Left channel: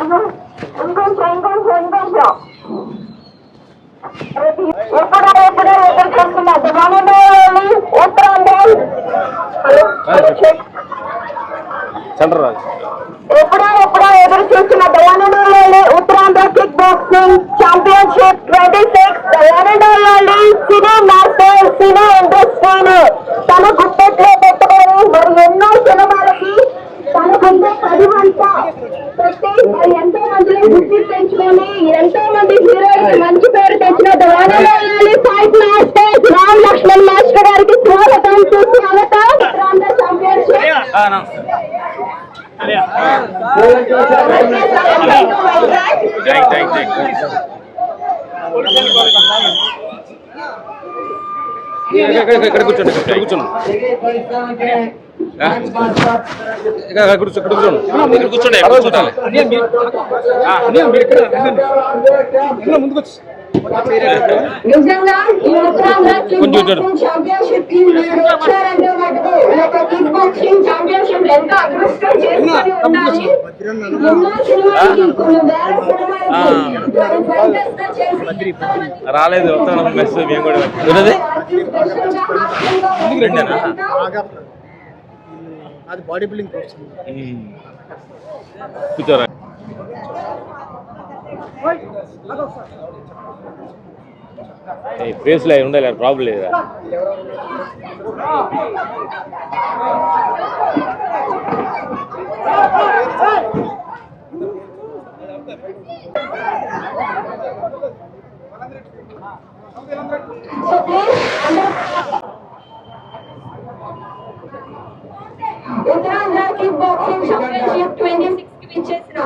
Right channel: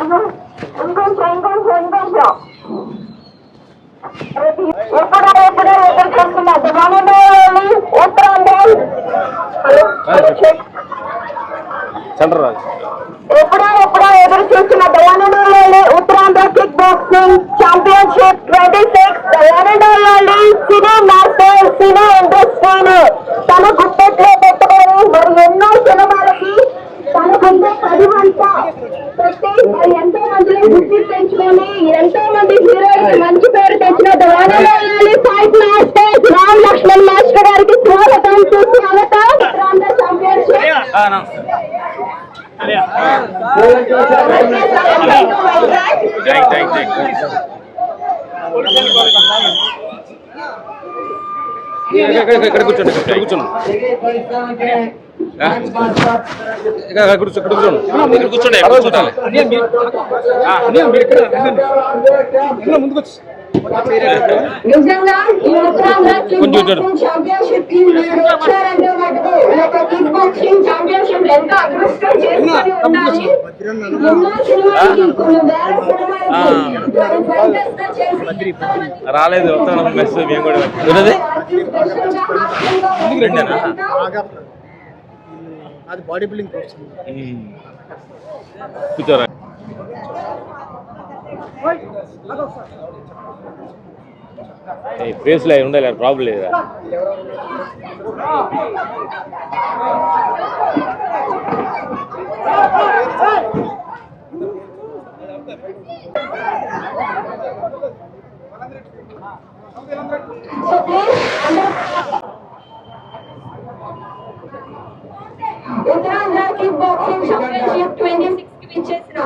మరియు ఇంకొంచెం ఎప్పుడో ఎదురు చూస్తున్నారు ఉత్తరాంధ్ర ఎప్పుడో ఎదురు చూస్తున్న దయానందోళి ఉత్తరాంధ్ర కిక్ బాక్సింగ్ ఛాంపియన్షిప్ 26 దయానందోళి సినీ మాస్టర్ సినీ ఇండస్ట్రీని తన గుప్పెట్లో పెట్టుకొని మరి ఎన్నో సినిమాలకి తన గుండె 10 వంట పెట్టి ఎంతో మందిని గుర్తి తెచ్చుకొని ఎంతో మంది హీరోయిన్ మంచి పేరు తెచ్చిన దయానందోళి fight master Ram Lakshman master గారికి స్వాగతం సుస్వాగతం ఉత్తరాంధ్ర ఛాంపియన్షిప్ ఇక్కడ కూర్చోండి ముందుకు నిజంగా ఈ ఉత్తరాంధ్ర ఛాంపియన్షిప్ కి మీరు వచ్చారంటే మటుకు కిక్ బాక్సింగ్ ఛాంపియన్షిప్ ఎంత అదృష్టం చేసుకొని ఉండాలి. ఎన్నో సినిమాలకి కొన్ని వేల సినిమాలకి రాలేదు మేము కూడా అది బాడీ బిల్డింగ్ కోర్స్ కూర్చోరా ఫేస్లో ఉండాలి ప్రాబ్లం లేదా ఉత్తరాంధ్ర కిక్ బాక్సింగ్ ఛాంపియన్షిప్ 26 కి విచ్చేసిన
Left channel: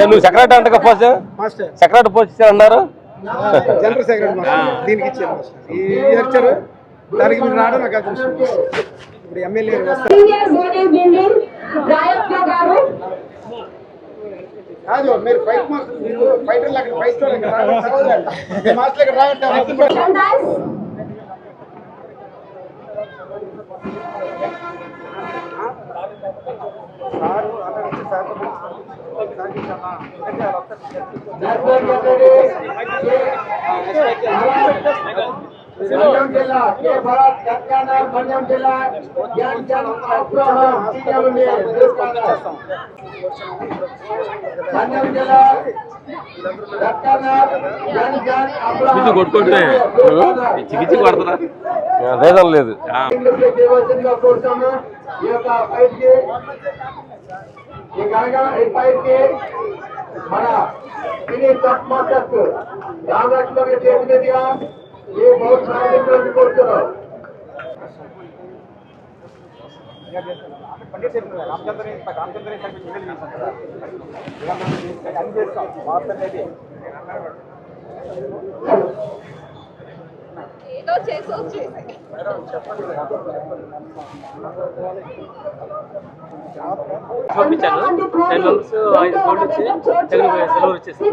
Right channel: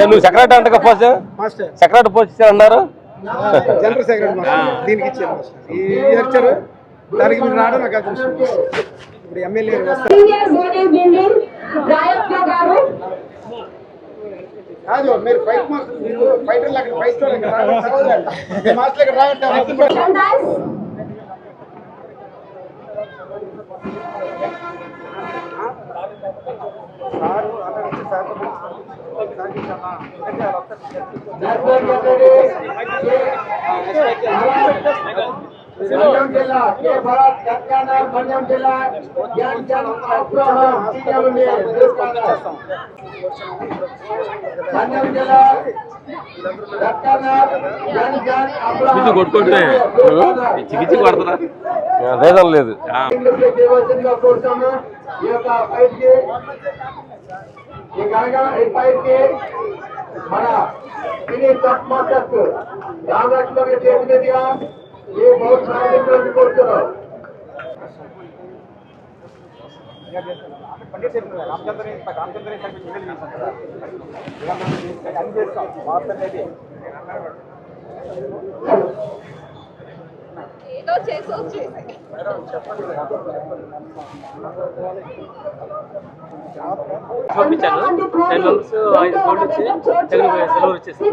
నువ్వు సెక్రటరీ అంట ఫస్ట్ సెక్రటరీ పోస్ట్ అన్నారు జనరల్ సెక్రటరీ దీనికి ఇచ్చారు ఇచ్చారు దానికి మీరు రావడం నాకు అదృష్టం. ఇప్పుడు ఎమ్మెల్యే కాదు మీరు ఫైట్ మాస్టర్ మీరు ఫైటర్ లాగా ఫైట్ మాస్టర్ ఇక్కడ రావట్లేదు మన్యం జిల్లా కే భరత్ కట్కానర్ మన్యం జిల్లా జ్ఞాన్ జన్ అబ్రహం సీఎం ని చేస్తాం మన్యం జిల్లా కట్కానర్ జ్ఞాన్ జన్ అబ్రహం కొట్టుకుంటే చికిత్స కొడతారా లేదం లేదు కోరుతాము ఈ యొక్క ఫైట్ కి ఈ ఫైట్ కి మన సినీ టాప్ మాస్టర్స్ రామ్ లక్ష్మణ్ గారి చేతి మీదుగా ये बहुत सारे रिपोर्ट करो ఏదో చేసి పంపించాను 10 మెంబర్స్ 5 కోట్లు వచ్చి తెలుగు సెలవు వచ్చేసి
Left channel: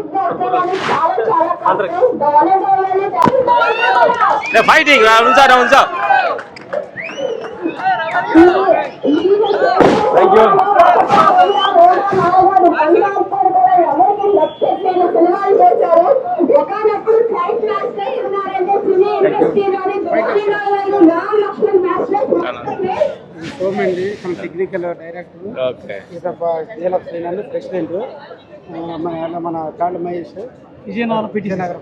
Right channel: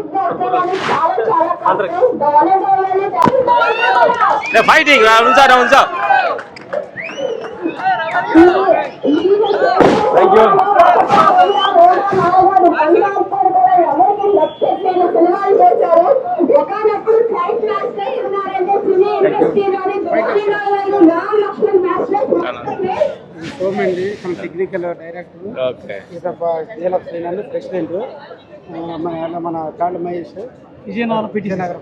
ఫైటింగ్ ఉంచా థ్యాంక్ యూ సోమండి మన టెక్నికల్ డైరెక్టర్ ప్రెసిడెంట్ మన కాళ్ళ Mahesh Vizianagaram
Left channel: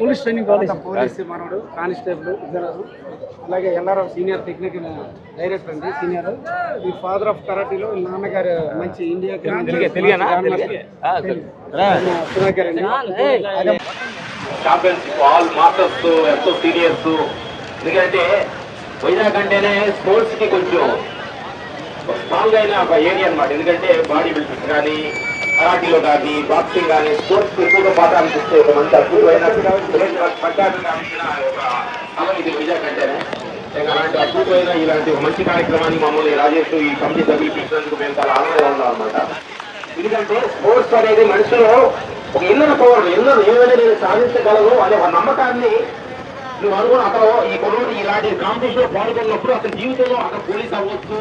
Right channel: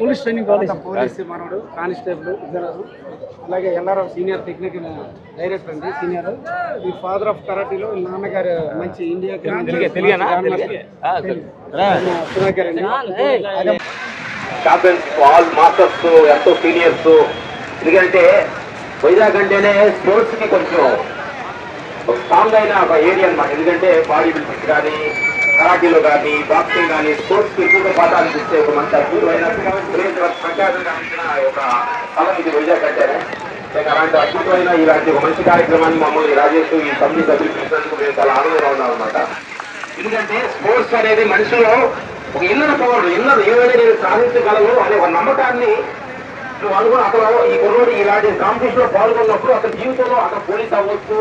police training college police మనోడు కానిస్టేబుల్ ఇద్దరు అలాగే ఎల్ఆర్ఎం సీనియర్ టెక్నికల్ డైరెక్టర్ అండి సీనియర్ ఈ ఫాదర్ ఆఫ్ కరాటీలో నాన్నగారు మంచి ఇండియా సుధాకర్ అండి ఛాంపియన్స్ ఆల్ మాస్టర్స్ ఎంతో సీనియర్స్ ఎందుకంటే వైజాగ్ అంటేనే స్పోర్ట్స్ కి కొంచెం స్ట్రాంగ్ అయిన ఒక ఏరియా అన్నమాట. ఎందుకంటే బాడీ బిల్డింగ్ కానీ కరాటీలో కానీ బాక్సింగ్ కానీ స్పోర్ట్స్ ఎక్కువగా పాఠాలు ఇస్తే ఒక మంచి అద్భుతమైన ఒక స్థలం ఇది వైజాగ్ అంటేనే. అలాంటి అద్భుతమైన ఇలాంటి ఒక మంచి కార్యక్రమాన్ని మమ్మల్ని రాజేష్ ఈ కమిటీ సభ్యులు చేసినందుకు మేము చాలా ఆనందంగా ఉన్నాం అన్నమాట. ఎందుకంటే స్పోర్ట్స్ అనేది మనుషులు ఒక ఇన్నర్ పవర్, ఇన్నర్ ఏమైనా నేను సాధించగలను అనే ఒక నమ్మకాన్ని నువ్వు అనుకుని అతను ఈ కుర్రోడు ఇలాంటి కాంపిటీషన్ లో పాల్గొన్నప్పుడు అతని జీవితంలో అతను పోలీస్ అవ్వచ్చు,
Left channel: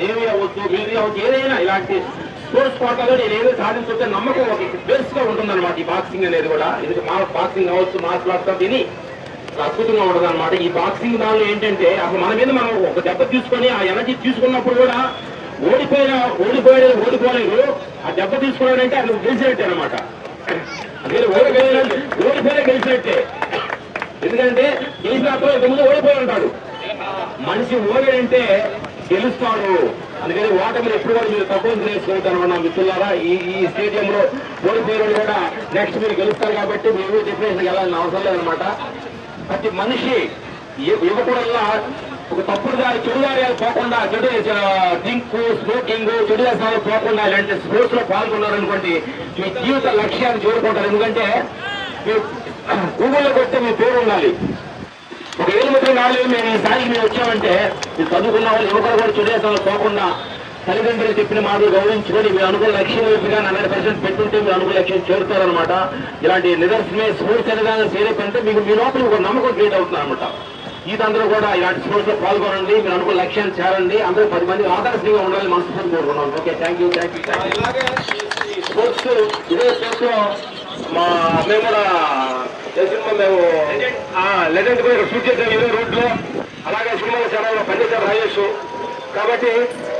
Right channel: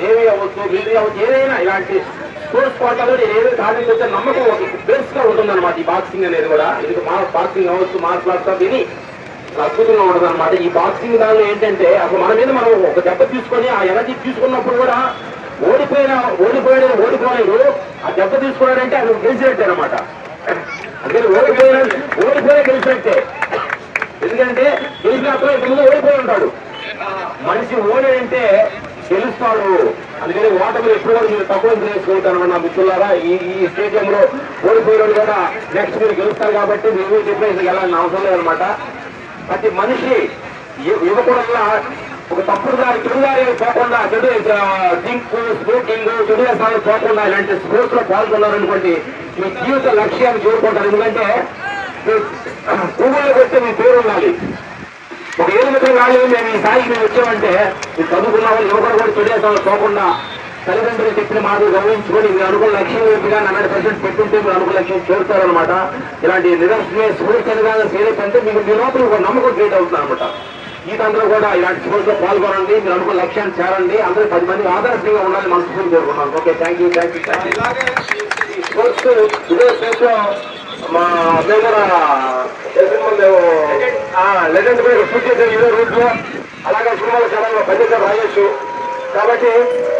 నేవీ అవ్వచ్చు, మిలిటరీ అవ్వచ్చు, ఏదైనా ఇలాంటి స్పోర్ట్స్ కోటాలో నేను ఏదైనా సాధించే నమ్మకం ఒక బేస్ గా ఉంటుందన్నమాట. ఈ బాక్సింగ్ అనేది కూడా ఇది బాక్సింగ్ అవ్వచ్చు, మార్షల్ ఆర్ట్స్ దీని అద్భుతంగా ఉంటుంది అనమాట. ఈ బాక్సింగ్ దానిలో ఏంటంటే అసలు మన మీద మనం ఒక దెబ్బ తీసుకొని ఆ ఎనర్జీ తీసుకున్నప్పుడు కూడా ఓడిపోలేరు. ఆ దెబ్బ తీసుకున్నాడంటే అది గెలిచినట్టే అనమాట. అందుకని ఓడిపోయినా గెలిచినట్టే. ఎందుకంటే గెలిచినప్పుడు ఇంతకుముందు ఓడిపోయి ఉంటాడు. మనిషి ఓడంటే గెలుస్తాడు. అందుకని ఓటమిని ఎప్పుడు కూడా మీరు తక్కువ చేసుకుంటాను నా మిత్రులారా. ఈ స్టేడియంలో ఓడిపోయిన కూడా నెక్స్ట్ మీరు గెలుస్తారు కాబట్టి మీరు డిప్రెషన్కి వెళ్ళాలని అవసరం లేదనమాట. ప్రతి మనిషి యువకుడల్లా ఒక తప్పుడు దారి చెడుదారి పోకుండా, చెడు డ్రింక్, స్మోకింగ్, చెడు వ్యసనాలు పోకుండా ఇలాంటి స్పోర్ట్స్ లో పాల్గొన్నారనుకోండి మీ జీవిత లక్ష్యాన్ని చేరుకుంటారు. ఎందుకంటే గూగుల్లో కొట్టి మీ పేరు ఉండాలి. ఒక 7 నాలుగు మేము ఈ స్థాయికి మేము వచ్చామంటే మీరు చదువుకున్న వాళ్ళు యువకులు కూడా చెడు వ్యసనాలు పోకుండా తల్లిదండ్రులు చెప్పిన మాటలు గౌరవించుకొని మీరు అనుకున్న లక్ష్యం వైపుగా 100% పెట్టుంటే మీరు అనుకున్న లక్ష్యం చేరుతారనమాట. ఇలాంటి నిదర్శనమే స్పోర్ట్స్ అనేది సీరియస్ అంటే మీకు మీ లోపల ఒక నమ్మకం క్రియేట్ అవుతుంది అనమాట. మీరందరూ కూడా ఇలాంటి స్పోర్ట్స్ లో పాల్గొనండి, మీరు అనుకున్న లక్ష్యాన్ని చేరండి, అందరూ 10 మంది ఆదర్శంగా ఉండాలి మనస్ఫూర్తి కోరుకున్నాను. Okay, thank you. ఈ స్పోర్ట్స్ ఇదే స్టేట్ లో మేము కూడా మేము లెజెండ్ కూడా షూట్ చేసాం ఇదే రూట్ లో. అలాగే సినిమాల ఛానల్లో పనిచేశారు రాజేష్. కాబట్టి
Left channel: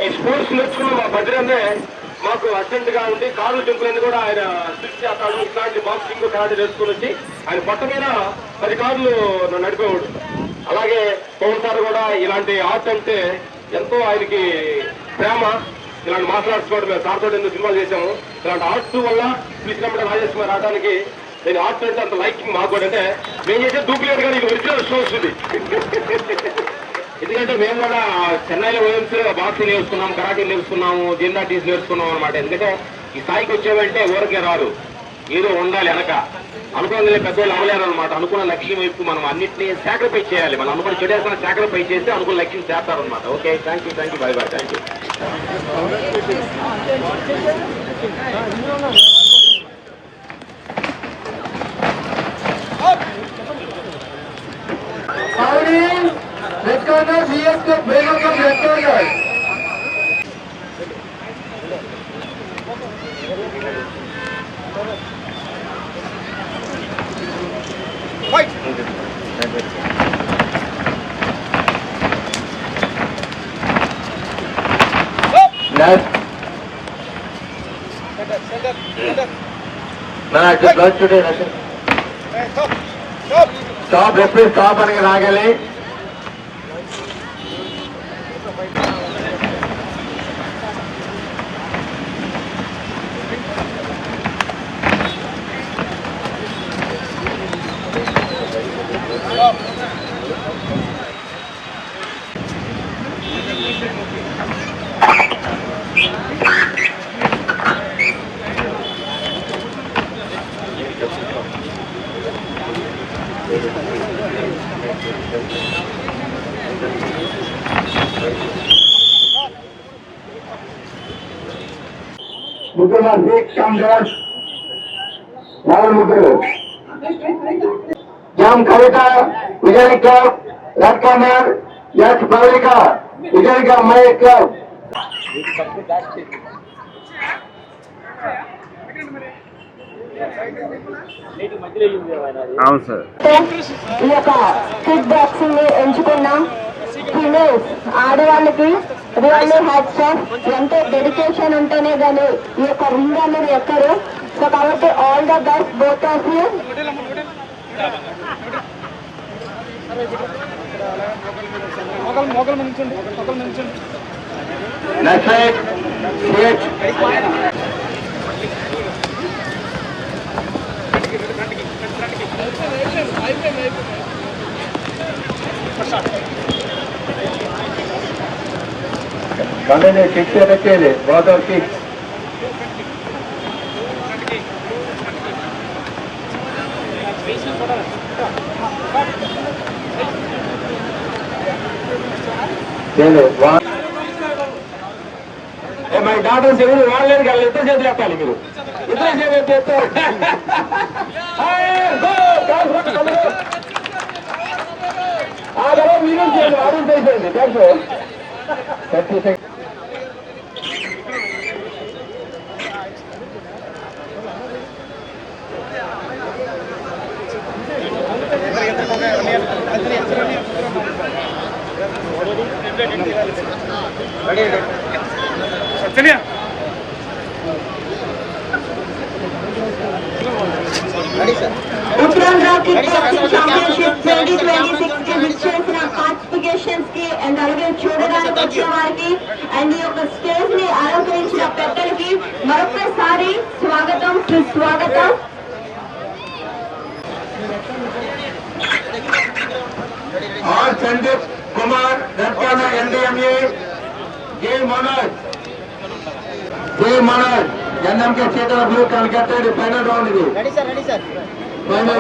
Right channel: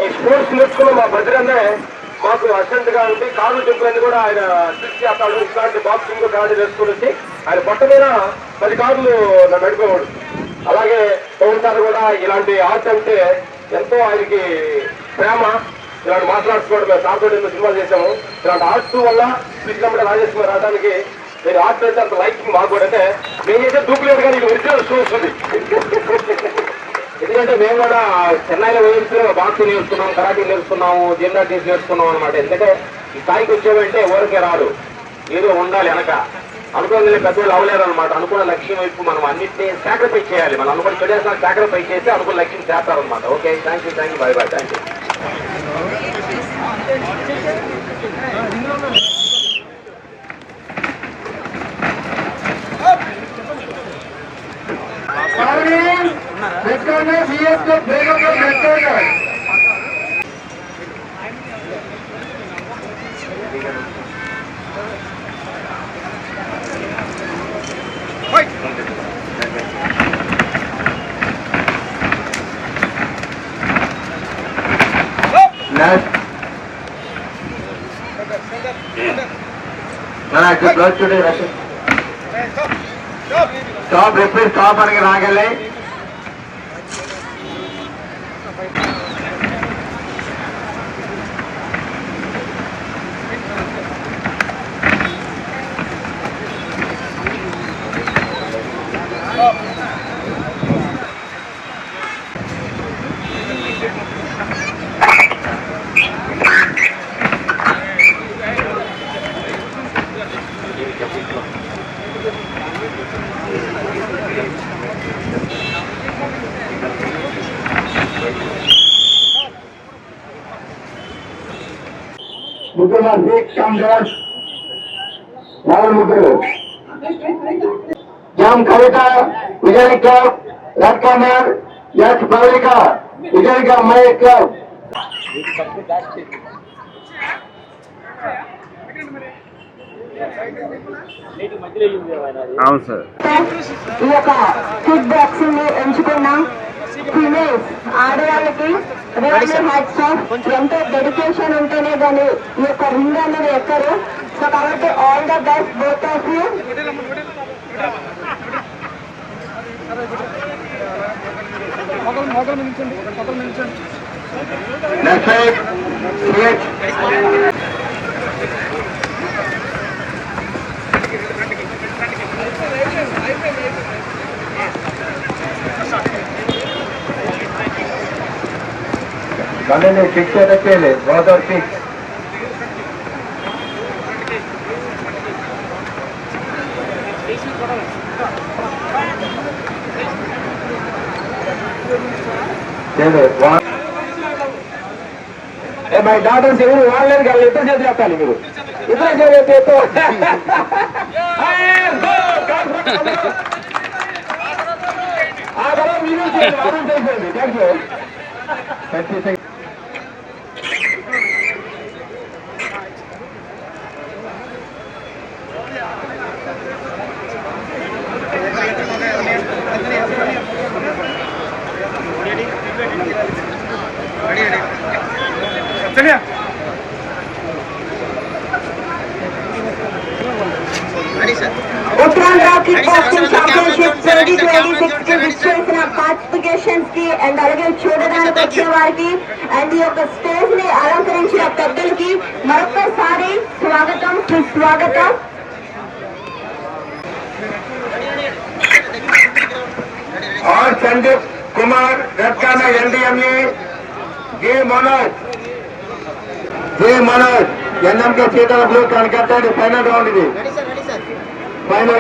ఈ స్పోర్ట్స్ నేర్చుకున్న మా భద్రంగా మాకు అసిస్టెంట్ గా ఉండి కారు టెంపుల్ కూడా ఆయన స్విచ్ చేస్తాడు. ఇట్లాంటి బాక్సింగ్ కార్డు నేర్చుకుని వచ్చి ఆయన పట్ట మీద 10 కార్లు నడిపేవాడు. అలాగే పవన్ సార్ కూడా ఇలాంటి ఆర్ట్ అంటే ఎంతో ఆయనకి ప్రేమ. ఇలాంటి మార్షల్ ఆర్ట్స్ కూడా మేము సార్తో ఎన్నో సినిమాలు చేశాము. ఇలాంటి ఆర్ట్స్ వల్ల కృష్ణపట్ల రాజేష్ రావడానికి నేను ఆర్ట్స్ అంటే అంత లైక్ మాకు కూడా. అంటే మేము చేసే దూకులేదు కానీ ఇది ఒరిజినల్ షూ వస్తుంది. ఎందుకంటే మేము కూడా చెన్నైలో వేయించే బాక్సింగ్ నేర్చుకున్నాం, కరాటీ నేర్చుకున్నాము, జిమ్నాటిక్స్ నేర్చుకున్నాం అనమాట. ఎందుకంటే ఈ స్థాయికి వచ్చామంటే ఊరికే రాడు, ఏదో ఉండాలి వెనక. అనుకున్నది పెద్దవాళ్ళు అవ్వలేదు అనమాట. అనుకున్న లక్ష్యం వైపు మనం అన్నింటినీ సాక్రిఫైస్ చేయాలి. మనం అనుకున్న చెడేసిన సాక్రిఫైస్ చేసి అనుకున్న లక్ష్యం చేస్తారనమాట. Okay, thank you, bye bye, thank you. Stop ఎప్పుడు స్టాప్ అని రాగలి. ముగ్గురు కాంగ్రెస్ ముగ్గురు జామ్ Kavitha Vijay club, red corner S పవలిక విజయ్ మై క్లబ్. అవును సార్. ఈ యొక్క కిక్ బాక్సింగ్ ఎంచుకున్న ఫిమేల్స్ ఆడవాళ్ళకి రియల్లీ హ్యాట్స్ ఆఫ్. ఎంతో డెడికేషన్ ఉంటేనే కానీ ఈ యొక్క రింగ్ అనేది ఎక్కరు. సో కాబట్టి all the best both of you. కానీ నువ్వు ఫిక్స్ చెప్పేది వాటర్ ఫిక్స్. మై డాటర్స్ ఎవరు వాళ్ళని కాదు, ఇద్దరు చేతులు ఎత్తాలి మీరు, ఇద్దరు చేతులు ఎత్తు. ఉత్తరాంధ్ర కిక్ బాక్సింగ్ ఛాంపియన్షిప్ 2026 కి విచ్చేసిన పార్టిసిపేషన్స్ కి అండ్ అలాగే చూడడానికి వచ్చే వారికి అండ్ ఈ యొక్క స్టేజ్ ని అలంకరించిన పెద్దలకి మరొకసారి స్వాగతం సుస్వాగతం. और संदीप कुमार गटकाना एनडीएमए जे मनोज एनएम के क्षेत्र ब्लू कलकत्ता फाइनल राउंड ఇది फाइनल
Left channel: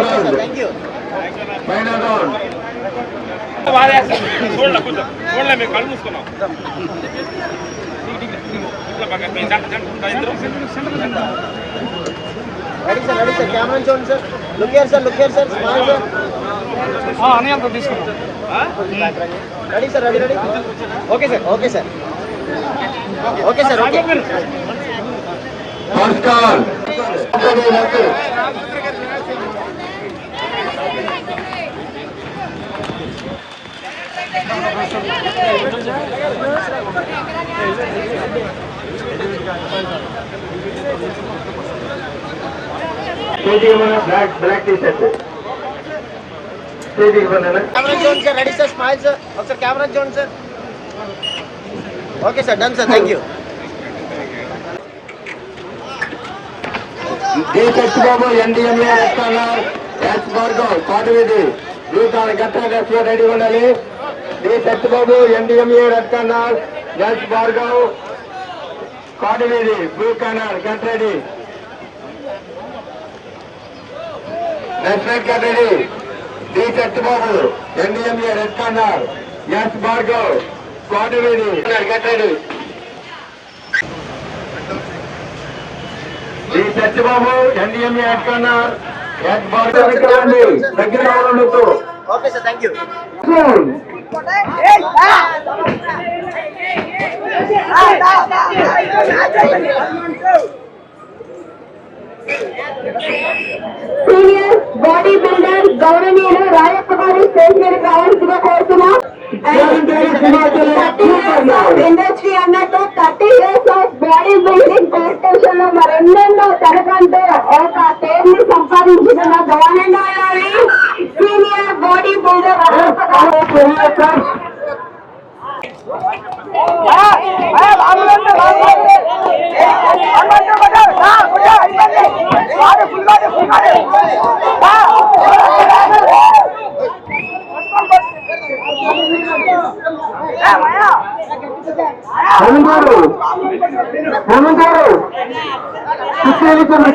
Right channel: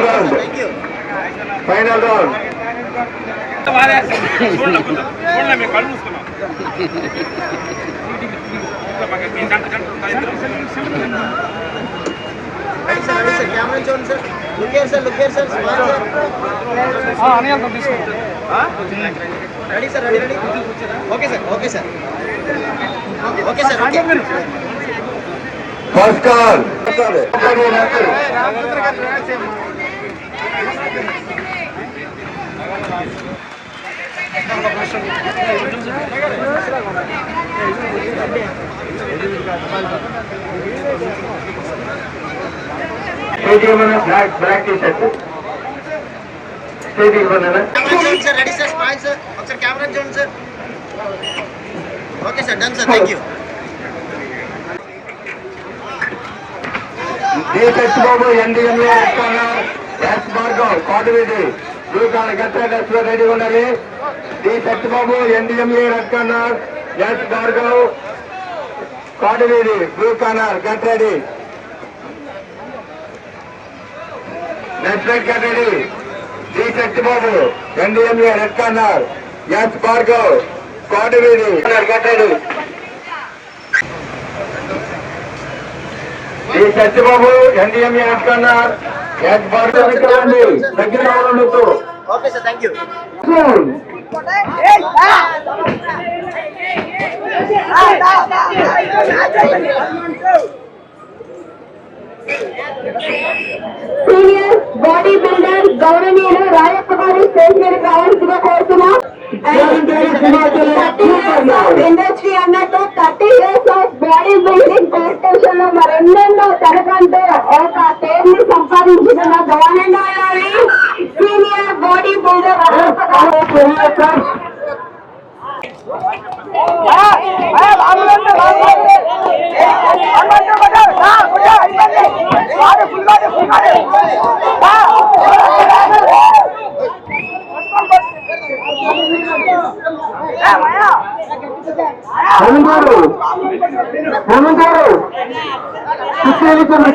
राउंड नमस्कार black T shirt ready sir, smile sir, ఒకసారి కెమెరా చూడండి సార్. Okay sir, done sir, thank you. Babu NDMA Kotavedi get ready ఉండాలి. D Satyababu NDMA red corner, S Bhargav Kotavedi blue corner get ready. Next get ready. D Satyababu NDMA red corner, S Bhargav Kotavedi get ready. D Satyababu NDMA red corner, S Bhargav దగ్గర రావడంతో. Okay sir, thank you. Senior body builder గౌరవనీయులు రాయప్ప గారి stage మీద కావాల్సిన కోరుతున్నాం. Industry అన్నట్టు 30 years of body building competition లో మరెన్నెన్నో తనకంటూ ఒక పేరుని సంపాదించిన government senior body builder Rayappa గారు.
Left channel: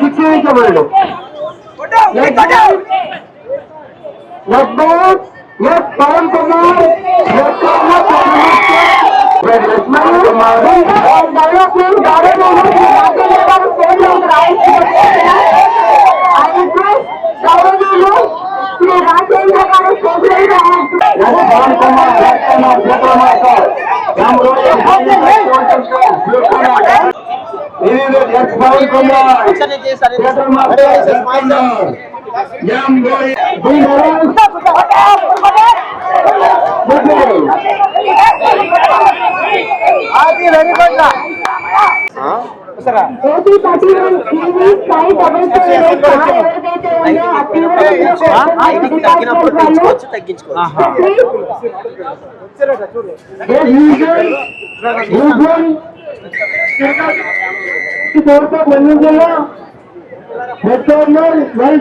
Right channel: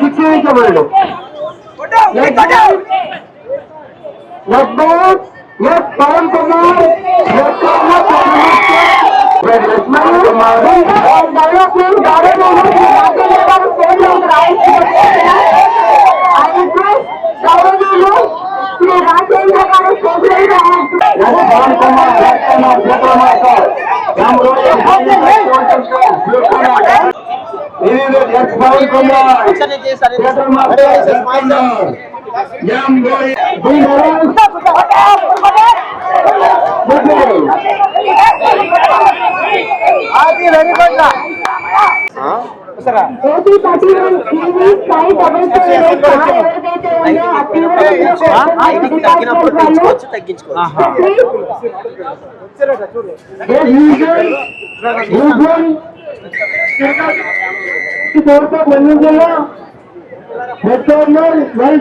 శిక్షించబడు పవన్ కుమార్ డెవలప్మెంట్ గౌరవనీయులు శ్రీ రాజేంద్ర గారు Pawan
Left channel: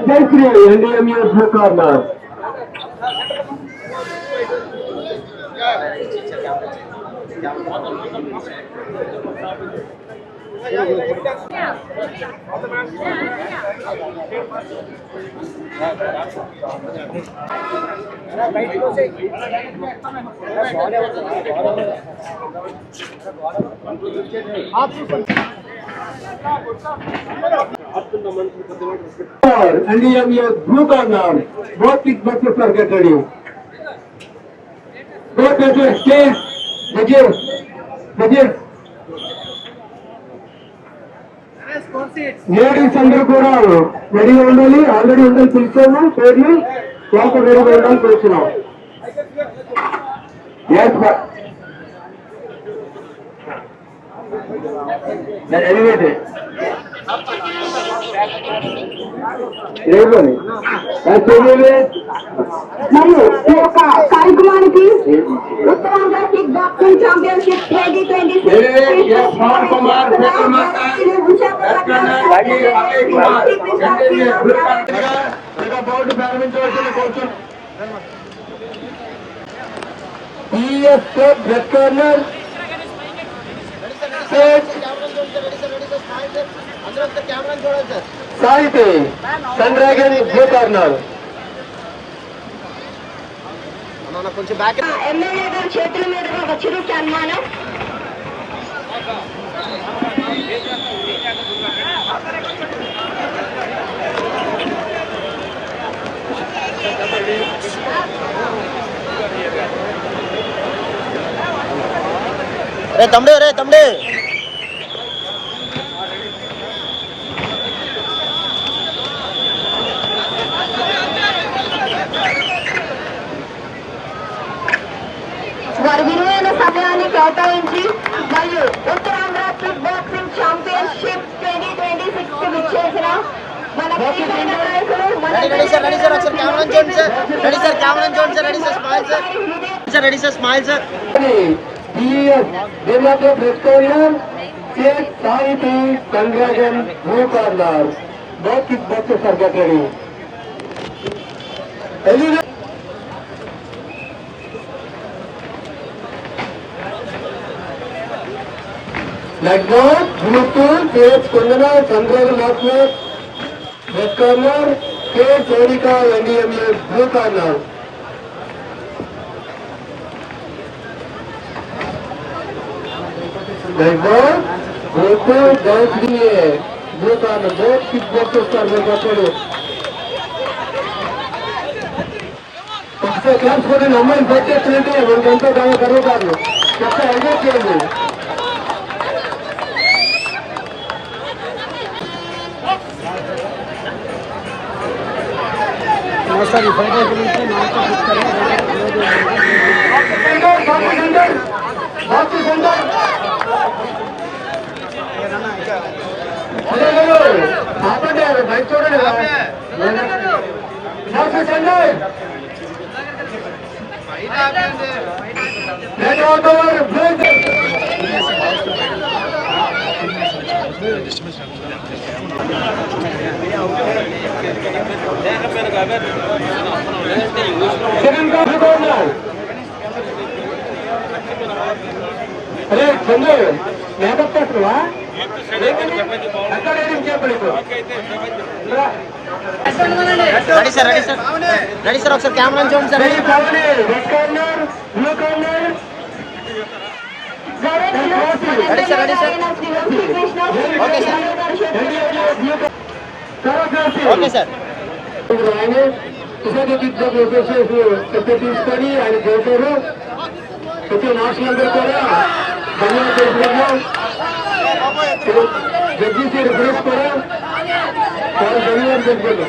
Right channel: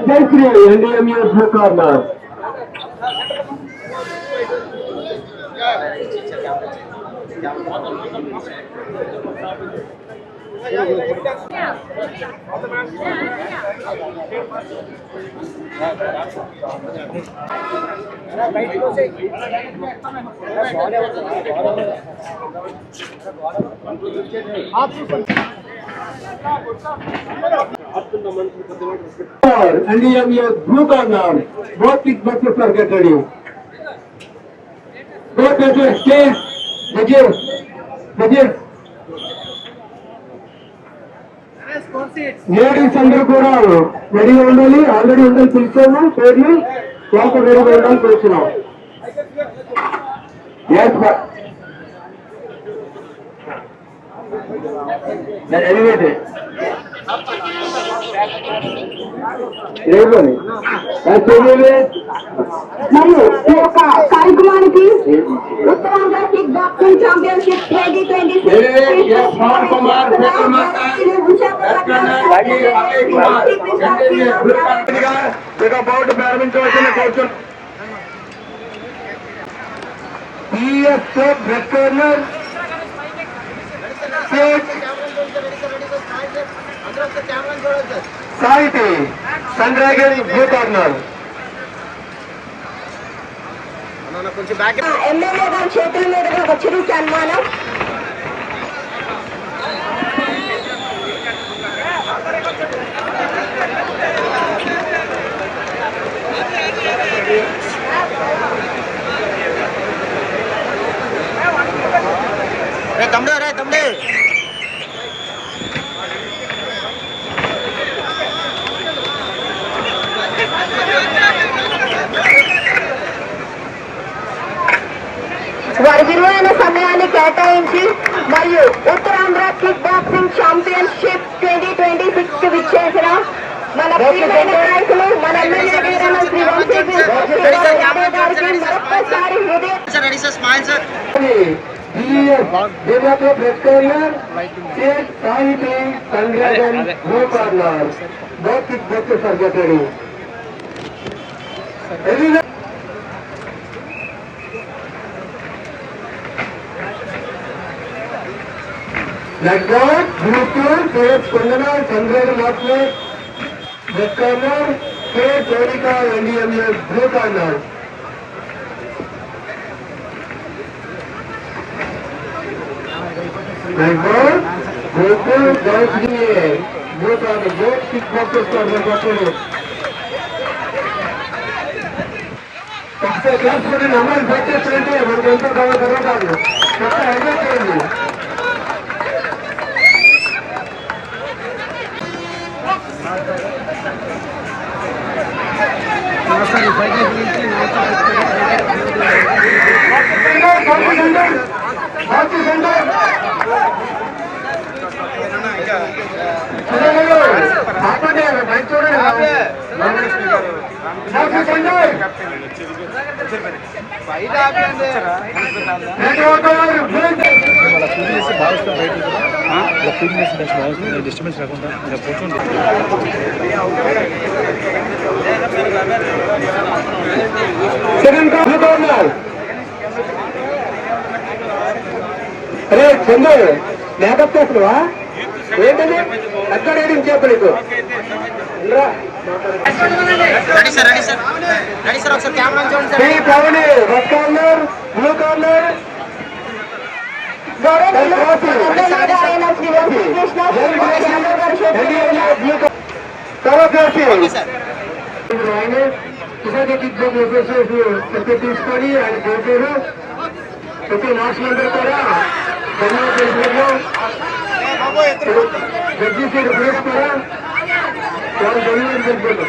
Jayashri NDMA blue corner. And EMA blue corner, both kickboxers are get ready. Both judges, please, judges. Ladies అందరూ కూడా రెడీగా ఉండాలి, ఆల్రెడీ ఉండాలి పిలిచాము పేర్లు వాళ్ళతో రెడీగా ఉండాలి పిలిచినాం. మరియు ఈ యొక్క కార్యక్రమానికి ఉత్తరాంధ్ర కిక్ బాక్సింగ్ ఛాంపియన్షిప్ 2026 బోర్డు ప్రారంభించవలసిన కోరుతున్నాం. Red corner Sahithi sun dragon blue corner. MLA గారి చేతుల మీదుగా వచ్చిన సన్మానం. తమ్ముడు వారి విలువైన సమయాన్ని కేటాయించి మరియు ఉత్తరాంధ్ర కిక్ బాక్సింగ్ ఛాంపియన్షిప్ 2026 కి విచ్చేసిన మన ప్రియమైన నాయకులు మన ready sir smile sir Sahithi sun dragon blue corner both kickboxers are get ready. Like that, blue team, K. Kundana, Chandra Lakshmi, red corner, K. Jodika, NDMA, blue corner. Like that, blue team, NDMA, blue corner, both kickboxers are get ready. ఒకసారి కాల్చుకోండి, అమ్మాయిని పెట్టేస్తుంటే మనకంతా తమ కలుగుతారు. ఒకసారి enjoy చేయండి. అరే Chandu makeup చేస్తున్నావా? ఏంటండి అక్కడ చెప్పలేదు. రెడీ సార్ ఒకసారి కెమెరా చూడండి sir. Red corner blue corner తీసుకొని ఆయన పోతారు. ప్రతి మాస్టర్ కూడా ధన్యవాదాలు. జడ్జి సీట్ ప్లీజ్ కూడా చాలా ధన్యవాదాలు చెప్తున్నారు.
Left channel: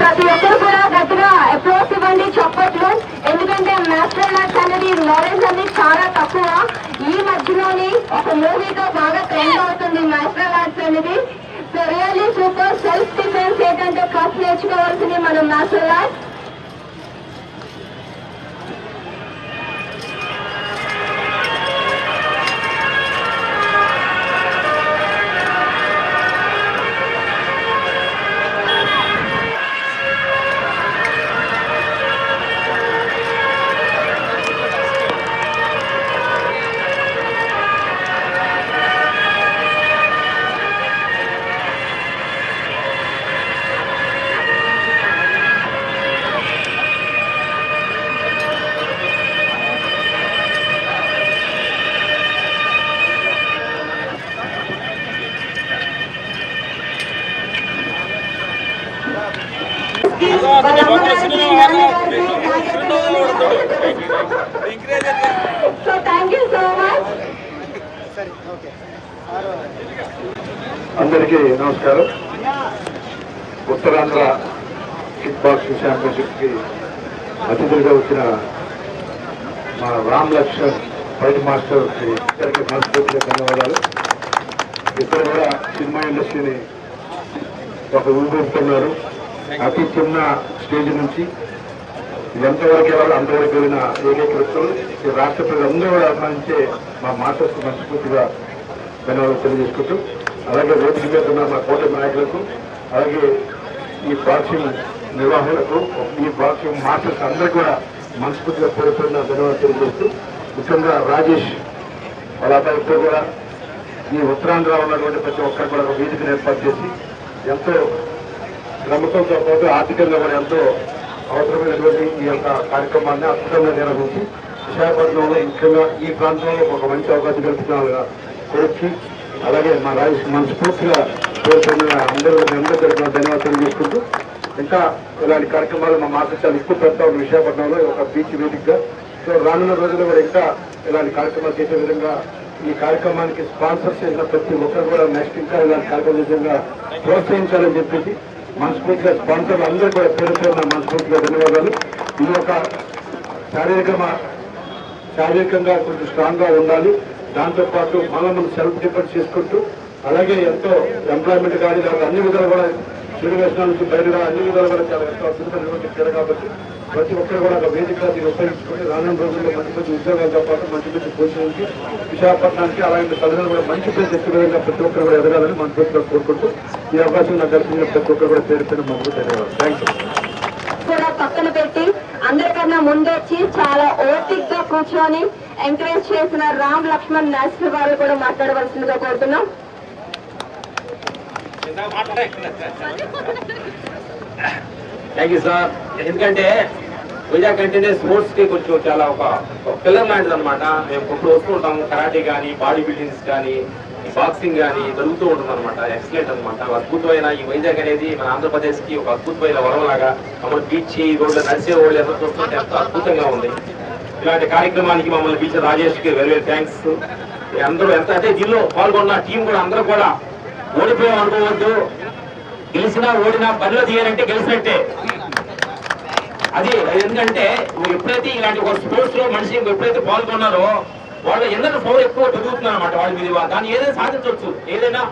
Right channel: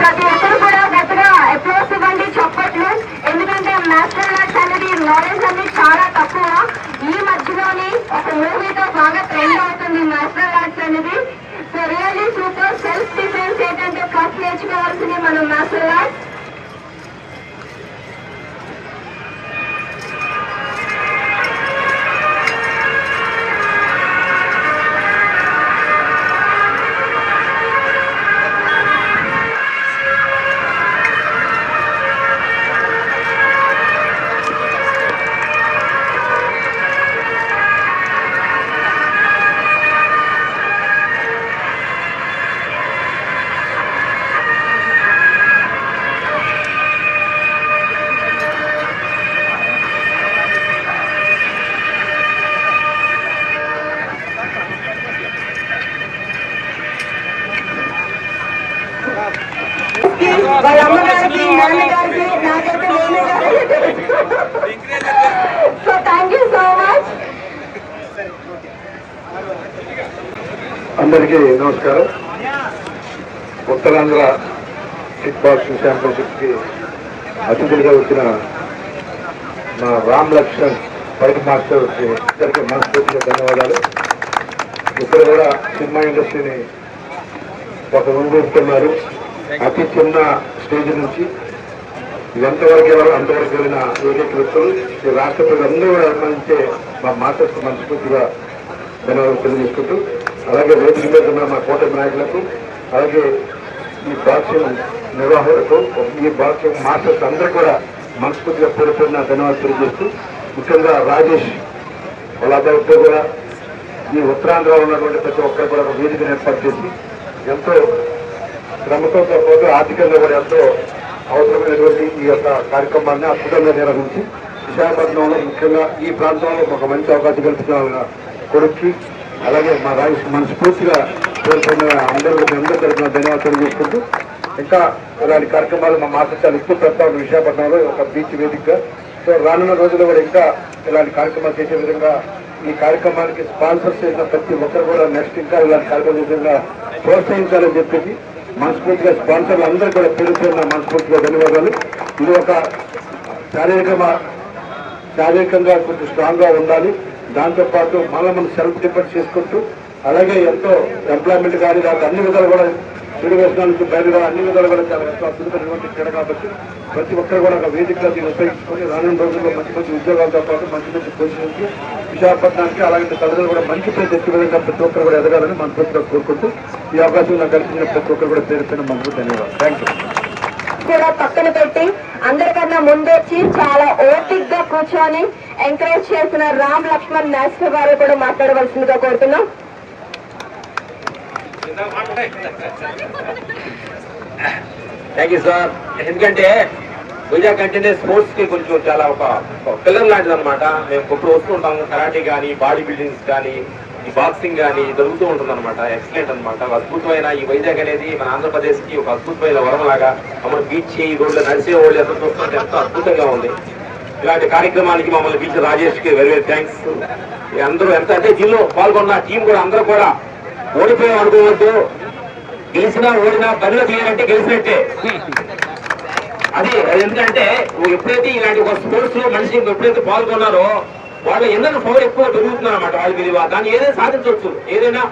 ప్రతి ఒక్కరు కూడా గట్టిగా అప్రోచ్ ఇవ్వండి, చప్పట్లు. ఎందుకంటే మాస్టర్ మ్యాథ్స్ అనేది నాలెడ్జ్ అనేది చాలా తక్కువ. ఈ మధ్యలోని ఒక మూవీతో బాగా ట్రెండ్ అవుతుంది మాస్టర్ మ్యాథ్స్ అనేది. So really super. Self defence ఏంటంటే ఫస్ట్ నేర్చుకోవాల్సింది మనం master maths. So thank you so much. అందరికీ నమస్కారం. ఉత్తరాంధ్ర కిక్ బాక్సింగ్ ఛాంపియన్షిప్ కి అతిథులుగా వచ్చిన మా రామ్ లక్ష్మణ్ ఫైట్ మాస్టర్ ఇద్దరికి మనస్ఫూర్తిగా ధన్యవాదాలు. ఇక్కడ కూడా సినిమా ఇండస్ట్రీని ఒక ఊపిస్తున్నారు. అతి చిన్న స్టేజ్ నుంచి ఎంతవరకు అంతవరకు వెళ్ళిన ఏకైక వ్యక్తులు ఈ రాష్ట్ర ప్రజలందరూ కూడా అభిమానించే మా మాస్టర్స్ మనస్ఫూర్తిగా ధన్యవాదాలు తెలియజేసుకుంటూ, అలాగే వేదిక మీద ఉన్న మా కూటమి నాయకులకు, అలాగే ఈ బాక్సింగ్ నిర్వాహకులకు, ఈ బాక్సింగ్ మాస్టర్స్ అందరూ కూడా మనస్ఫూర్తిగా పేరుతున్న ధన్యవాదాలు తెలియజేస్తూ, ముఖ్యంగా రాజేష్ వాళ్ళ అబ్బాయితో కూడా ఈ ఉత్తరాంధ్రలో ఉన్నటువంటి ప్రతి ఒక్కరు కూడా ఒక వేదికను ఏర్పాటు చేసి ఎంతో శ్రమతో పాటు ఆర్థికంగా కూడా ఎంతో అవసరమైనటువంటి ఈ యొక్క కార్యక్రమాన్ని అద్భుతంగా నిర్వహించి విశాఖపట్నంలో ముఖ్యంగా ఈ ప్రాంతంలో ఒక మంచి అవకాశం కల్పించిన కొడుక్కి, అలాగే మా రాజేష్ మనస్ఫూర్తిగా కోరుతున్న అందరూ తరఫున ధన్యవాదాలు చేసుకుంటూ, ఇంకా ఇలాంటి కార్యక్రమాలు మా మాస్టర్ చాలా ఎక్కువ పెడతాం విశాఖపట్నంలో ఒక బీచ్ వేదికగా. సో రానున్న రోజుల్లో కూడా ఇంకా ఇలాంటి కార్యక్రమాలు చేసే విధంగా ఈ కార్యక్రమానికి స్పాన్సర్ చేసిన ప్రతి ఒక్కరు కూడా నెక్స్ట్ ఇంకా ఇలాంటి కార్యక్రమం విధంగా ప్రోత్సహించాలని చెప్పేసి మనస్ఫూర్తిగా స్పాన్సర్లు అందరూ కూడా పేరుతున్న మనస్ఫూర్తిగా ధన్యవాదాలు. ఇది ఒక శారీరకంగా కొంచెం స్ట్రాంగ్ గా ఉండాలి. దాంతోపాటు మళ్ళీ మనం సెల్ఫ్ డిపెండ్ చేసుకుంటూ, అలాగే ఎంతో ఎంప్లాయ్మెంట్ కానీ దాని అన్ని విధాలు కూడా చెడు వ్యసనాల నుంచి బయలుగా అన్ని విధాలు కూడా చాలా ఎంతో అద్భుతమైనటువంటి క్రీడ కాబట్టి ప్రతి ఒక్కరు కూడా ఒక వేదికగా దీన్ని ఉపయోగించుకొని రానున్న రోజుల్లో మంచి మంచి ఉద్యోగాలతో పాటు మంచి మంచి పొజిషన్కి విశాఖపట్నానికి అలాగే తల్లిదండ్రులు కూడా మంచి పేరు తెచ్చే విధంగా ప్రతి ఒక్కరు కూడా ఎదగాలని మనస్ఫూర్తిగా కోరుకుంటూ ఈ అవకాశం నాకు కల్పించిన ప్రతి ఒక్కరు కూడా పేరు పైన మనసు ధన్యవాదాలు. Thank you. కూడా పక్కన పెట్టి అందరికన్నా ముందొచ్చి చాలా ఓపిక్ గా కూర్చొని ఎంకరేజ్ చేసిన రామ్ లక్ష్మణ్ మాస్టర్ గారు కూడా మాట్లాడవలసిందిగా కోరుతున్నాం. Thank you sir. ఎందుకంటే వైజాగ్ అంటేనే స్పోర్ట్స్ కి కొంచెం చాలా ఒక పిల్లర్ లాంటిది అనమాట. మేము ఇప్పుడు వస్తూ ఉంటాము. కరాటే కానీ, బాడీ బిల్డింగ్స్ కానీ, ఈ బాక్సింగ్ కానీ జరుగుతూ ఉంటుంది అనమాట. ఎక్సలెంట్ అనమాట. అద్భుతమైన ఈ వైజాగ్ అనేది మన ఆంధ్రప్రదేశ్ కి ఒక అద్భుతమైన వరంలాగా మన బీచ్ ఈ రోడ్లు నడిచే రోడ్లు ఎంత చూస్తుంటే ఎంతో అద్భుతంగా ఉంది. ఇలాంటి కార్యక్రమానికి మమ్మల్ని బీచ్ రాజేష్ కి వెరీ వెరీ థ్యాంక్స్. అందరూ ఎంత అంటే దీనిలో పాల్గొన్న టీం కూడా అందరూ కూడా ఓడిపోయాం అనుకోవద్దు. గెలిచినా ఓడినా బరిలో తీయాలంటే గెలిచినట్టే. అది ఎందుకంటే నువ్వు ఎప్పుడైతే ఇలాంటి ఒక స్పోర్ట్స్ లో మనిషి ఎప్పుడైతే పాల్గొన్నారో వాళ్ళు ఎందరో పవర్ ఎక్కువ పెరుగుతున్నారు అనమాట. వాళ్ళ మీద దాన్ని ఏదైనా సాధించవచ్చు. ఏదైనా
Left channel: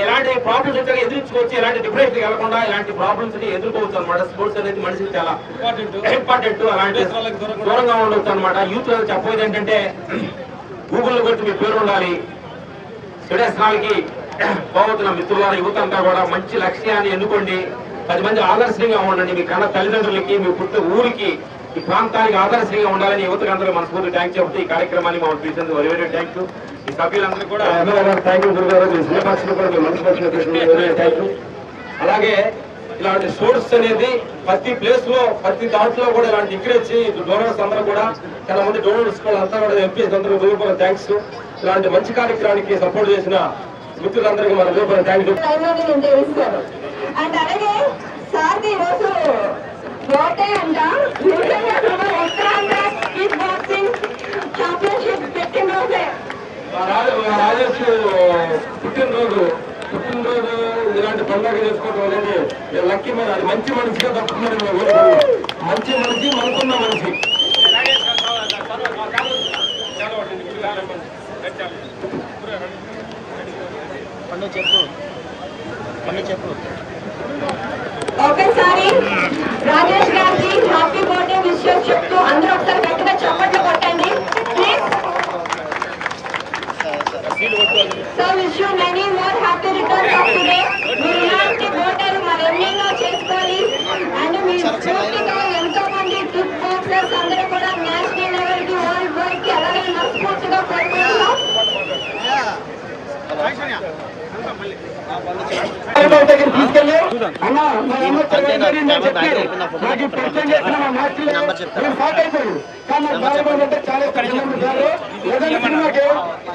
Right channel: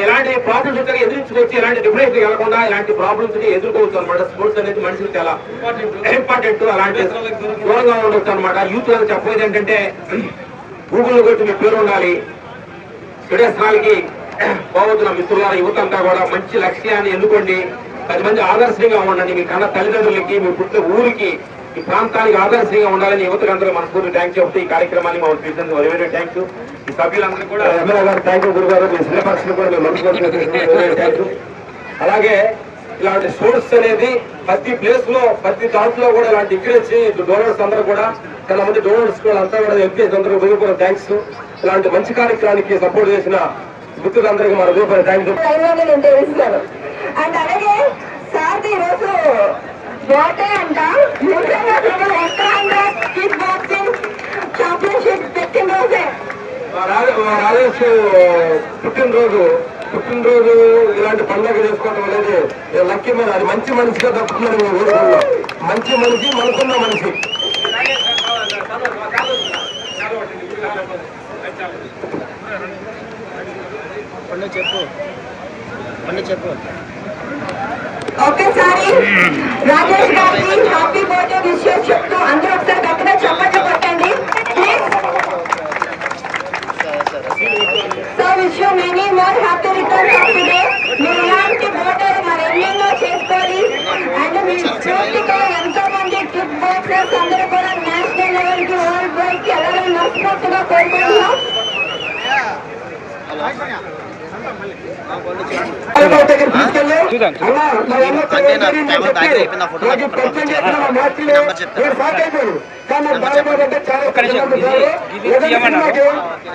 ఎలాంటి ప్రాబ్లమ్స్ ఉంటే ఎదుర్కోవచ్చు. ఎలాంటి డిఫరెన్స్ కలగకుండా ఇలాంటి ప్రాబ్లమ్స్ ఎదుర్కోవచ్చు అనమాట. స్పోర్ట్స్ అనేది మనిషికి చాలా ఇంపార్టెంట్. అలాంటి దూరంగా ఉండొచ్చు అనమాట. యూత్ చెప్పేది ఏంటంటే గూగుల్లో కొట్టి మీ పేరు ఉండాలి. విదేశాలకి పోవతున్న మిత్రుల యువత అంతా కూడా మంచి లక్ష్యాన్ని ఎన్నుకోండి. 10 మంది ఆదర్శంగా ఉండండి. మీ కన్నా తల్లిదండ్రులకి, మీ పుట్టిన ఊరికి, ఈ ప్రాంతానికి ఆదర్శంగా ఉండాలని యువతకు అందరూ మనస్ఫూర్తి థ్యాంక్స్ చెప్తూ ఈ కార్యక్రమాన్ని మనం చూసినందుకు వెరీ వెరీ థ్యాంక్స్. ఈ సభ్యులందరూ కూడా థ్యాంక్ యూ గురుగారు. Thank you. అలాగే ఇలాంటి స్పోర్ట్స్ అనేది ప్రతి ప్లేస్ లో ప్రతి దాంట్లో కూడా ఇలాంటి ఎంకరేజ్ డోనర్స్ అందరూ కూడా చాలా మంది డోనర్స్ కూడా అంతా కూడా ఎంపీఎస్ అందరూ వెరీ థ్యాంక్స్. ఇలాంటి మంచి కార్యక్రమానికి సపోర్ట్ చేసిన మిత్రులందరికీ మన రూపాయలు థ్యాంక్ యూ. అండ్ అలాగే సార్ ఈరోజు బర్త్డే అంట. ఉత్తరాంధ్ర కిక్ బాక్సింగ్ ఛాంపియన్షిప్ పెట్టినరోజే రాజేష్ పుట్టినరోజు ఇలాంటి పండుగ చేసుకోవడం అనేది లక్కీ మన అది మంచి మనిషిగా తప్పుకున్నాడు. మంచి మనిషి, మనసున్న మనిషి. ఒకేసారి రాజేష్ గారికి హ్యాపీ బర్త్డే విషయం చెప్తూ అందరూ ఒకసారి గట్టిగా చప్పట్లు కొట్టండి please. So wish you many more happy returns of the day. ఇలాంటి బర్త్డేలు మరెన్నెన్నో చేసుకోవాలి. అండ్ మీ స్ఫూర్తిగా ఎంతో మంది కిక్ బాక్సర్స్ అందరూ కూడా నేషనల్ లెవెల్ కి, వరల్డ్ వైడ్ కి అలాగే మనస్ఫూర్తిగా కోరుకుంటున్నాం.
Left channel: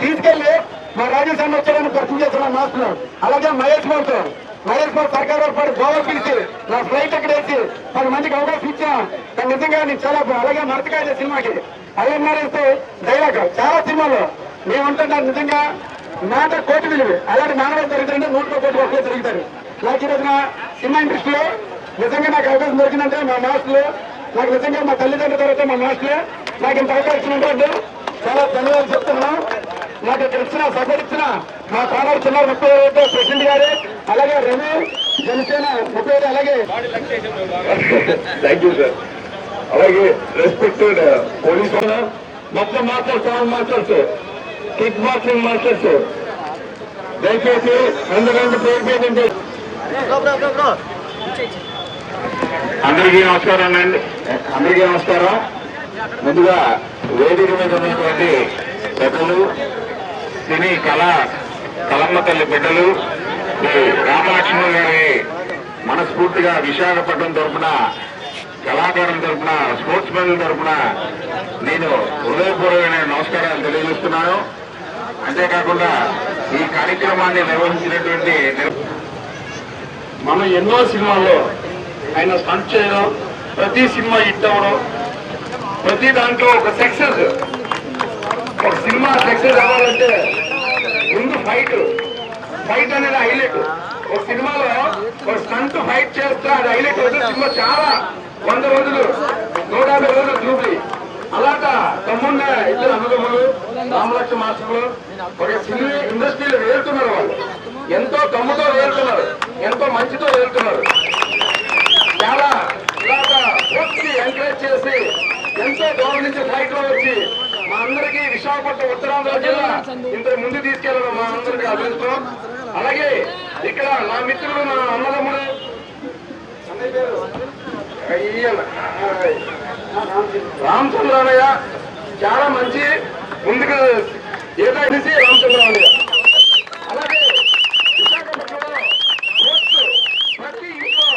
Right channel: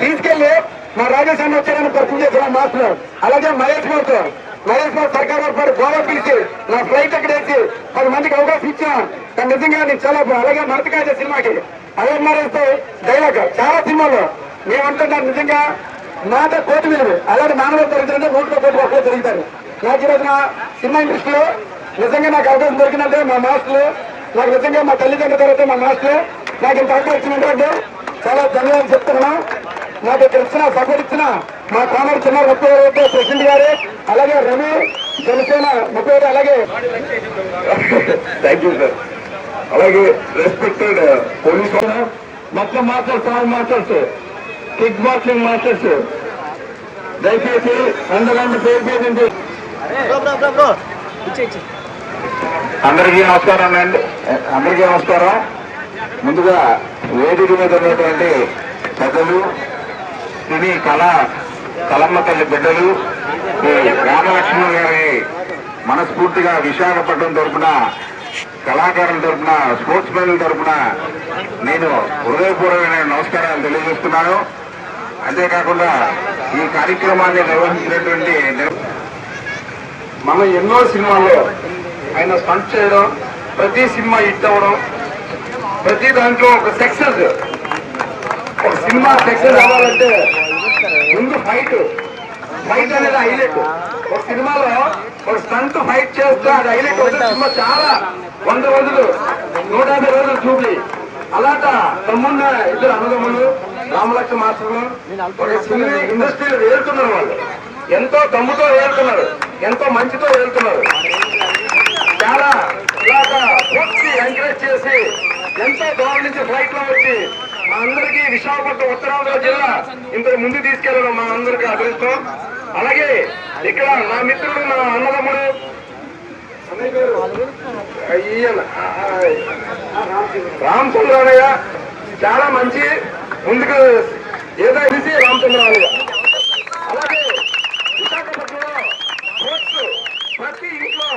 తీసుకెళ్ళి మా రాజేష్ అన్న వచ్చారని పరిచయం చేసిన మాస్టర్, అలాగే మహేష్ మాస్టర్ నరేష్ బాబు సర్కార్ వాడు గోవా పిలిచి నా ఫ్లైట్ అక్కడ వేసి 10 మందికి అవకాశం ఇచ్చిన. కానీ నిజంగా నేను చాలా అలాగే మరతకాయ సినిమాకి అలాగే నరేస్తే డైలాగ్ చాలా సినిమాలో మేమంటున్నాను నిజంగా మాట కోటి విలువ అలాంటి మానవ దొరుకుతుంటే 100 కోట్ల రూపాయలు తిరుగుతారు. నాకు ఈరోజు నా సినిమా ఇండస్ట్రీలో నిజంగా నాకు అవకాశం దొరికిందంటే మా మాస్టర్లు, నాకు నిజంగా మా తల్లిదండ్రుల తర్వాత మా మాస్టర్లే నాకు ఇంత అవకాశం ఏంటంటే చాలా ధన్యవాదాలు చెప్తున్నాను. నాకు ఇక్కడ ఇచ్చిన సపోర్ట్ ఇచ్చిన మా కాంగ్రెస్ చిన్న 30 ప్రెసిడెంట్ గారు, అలాగే రమణ జనసేన 30 అలాగే థ్యాంక్ యూ సార్. అలాగే రెస్పెక్టెడ్ పోలీస్ మొత్తం masters, sound masters, kick boxing masters, దయచేసి అందరంటే పేరు పేరుంటే అందరికీ నమస్కారం అండి. అందరికీ నమస్కారం. ముందుగా వేదిక మీద ఉన్నటువంటి పెద్దలు, సినీ కలమ్మ తల్లి బిడ్డలు, ఈ రామలక్ష్మణ గారి మనస్ఫూర్తిగా విశాఖపట్నం తరఫున, కళాకారుల తరఫున, స్పోర్ట్స్ మెన్ల తరఫున నేను హృదయపూర్వకమైన నమస్కారాలు తెలియజేస్తున్నాను. అంతేకాకుండా ఈ కార్యక్రమాన్ని నిర్వహించినటువంటి మనం ఎన్నో సినిమాల్లో ఆయన స్టంట్ చేయడం, ప్రతి సినిమా హిట్ అవడం, ప్రతి దాంట్లో ఒక సక్సెస్, ఒక సినిమా సక్సెస్ అవ్వాలంటే ముందు ఫైట్ అనేది హైలైట్. ఒక సినిమాలో ఒక స్టంట్ ఫైట్ చేస్తే అది హైలైట్ అవుతుంది. సినిమా చాలా 100 రోజులు 150 రోజులు జూబ్లీ అలాగా తమ్మున్న ఇద్దరు అన్నదమ్ములు రామలక్ష్మ మాస్టర్లు ఒక సినిమా ఇండస్ట్రీలో వేరుతున్నారు. వాళ్ళు ఎంతో దమ్ముతో వేరుతున్నారు, ఎంతో మంచితో వేరుతున్నారు. చాలా ఇలాగా ఎంకరేజ్ చేసి ఎంతో దూరం నుంచి ఫ్లైట్ లో వచ్చి మా అందరికీ విశాఖపట్నం ఉత్తరాంధ్ర జిల్లా ఇంత ముందు తీసుకెళ్ళడం మా అందరికీ అదృష్టం. అలాగే ఇక్కడ నా మిత్రులు, మా అన్నదమ్ముడు రామచంద్రయ్య చాలా మంచి ముందుకు ఏదో తెలిసి రామచంద్రయ్య. అలాగే విశాఖపట్నంలో ప్రతి ఇంట్లో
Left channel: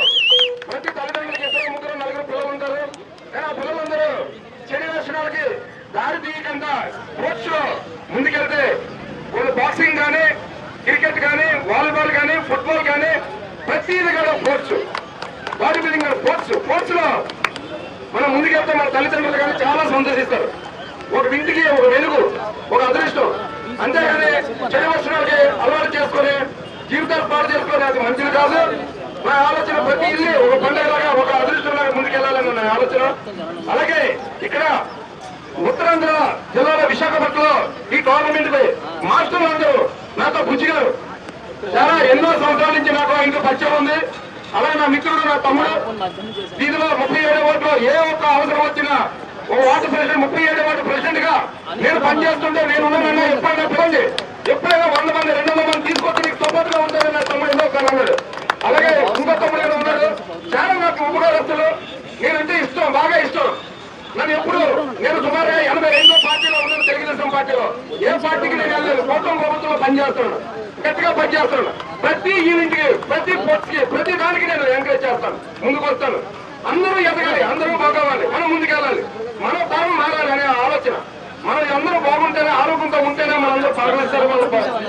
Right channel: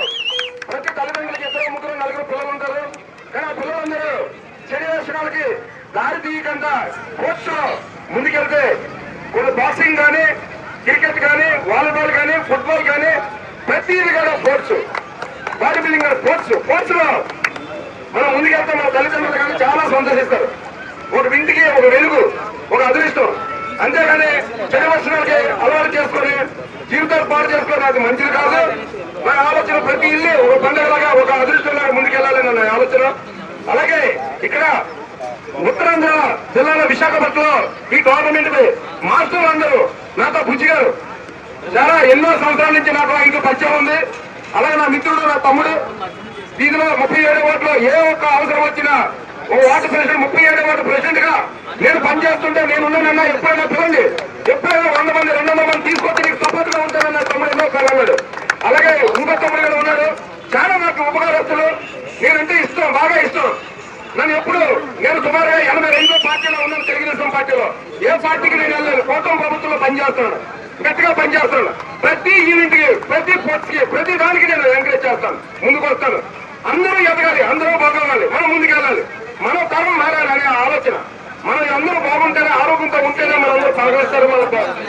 ప్రతి తల్లిదండ్రులకి 2, 3, 4 పిల్లలు ఉంటారు. కానీ ఆ పిల్లలందరూ చెడు వేషాలకి దారి తీయకుండా స్పోర్ట్స్ లో ముందుకెళ్తే కొన్ని బాక్సింగ్ కానీ, క్రికెట్ కానీ, వాలీబాల్ కానీ, ఫుట్బాల్ కానీ ప్రతిదీ కూడా స్పోర్ట్స్, బాడీ బిల్డింగ్ స్పోర్ట్స్ లో మనం ముందుకెళ్తే మన తల్లిదండ్రులు కానీ చాలా సంతోషిస్తారు. ఒక ఇంటికి ఒక వెలుగు, ఒక అదృష్టం. అంతేగాని చెడు లక్షణాలకి అలవాటు చేసుకొని జీవితాలు పాడు చేసుకొని అది మంచిది కాదు. నా ఆలోచన ప్రతి ఇల్లు ఒక పండుగలాగా, ఒక అదృష్టంలాగా ముందుకెళ్లాలని నా ఆలోచన. అలాగే ఇక్కడ ఉత్తరాంధ్ర జిల్లాలో విశాఖపట్నంలో ఈ టోర్నమెంట్ కి మాస్టర్లు అందరూ నాతో బుజ్జి గారు చాలా ఎన్నో సంవత్సరాల నుంచి నాకు ఇంకా పరిచయం ఉంది. అలాగే నా మిత్రుడు, నా తమ్ముడు దీనిలో 37 వార్డులో ఏ ఒక్క అవసరం వచ్చినా ఓ వార్డు ప్రెసిడెంట్, 37 వార్డు ప్రెసిడెంట్ గా నేను పనిచేస్తుంటే నేను ఉన్నానన్నా ఎప్పుడైనా పిలండి, ఎప్పుడైనా 100 మంది 200 మంది తీసుకొచ్చి నీకు సపోర్ట్ గా ఉంటానని నా తమ్ముడు ఎన్నో సార్లు అన్నాడు. అలాగే ఇంకో తమ్ముడు ఉన్నాడు, చాలా నాకు ఉపకారస్తులు, నేనంటే ఇష్టం, బాగా ఇష్టం. నన్ను ఎప్పుడు నేను సుమారుగా 82 పార్టీలో ఉన్నాను. తెలుగుదేశం పార్టీలో ఏ పార్టీకి నేను వెళ్ళలేదు. ప్రభుత్వం ప్రభుత్వంలో పనిచేస్తాను, గట్టిగా పనిచేస్తాను. ప్రతి యూనిట్ కి, ప్రతి స్పోర్ట్స్ కి, ప్రతి దానికి నేను ఎంకరేజ్ చేస్తాను, ముందుకు వస్తాను. అందరూ ఎదగాలి, అందరూ బాగోవాలి, మనం ముందుకెళ్ళాలి, మన తరం మారాలనే ఆలోచన. మనం అందరూ బాగుంటేనే, ఆరోగ్యంతో ఉంటేనే మనం అందరూ పలకరిస్తారు,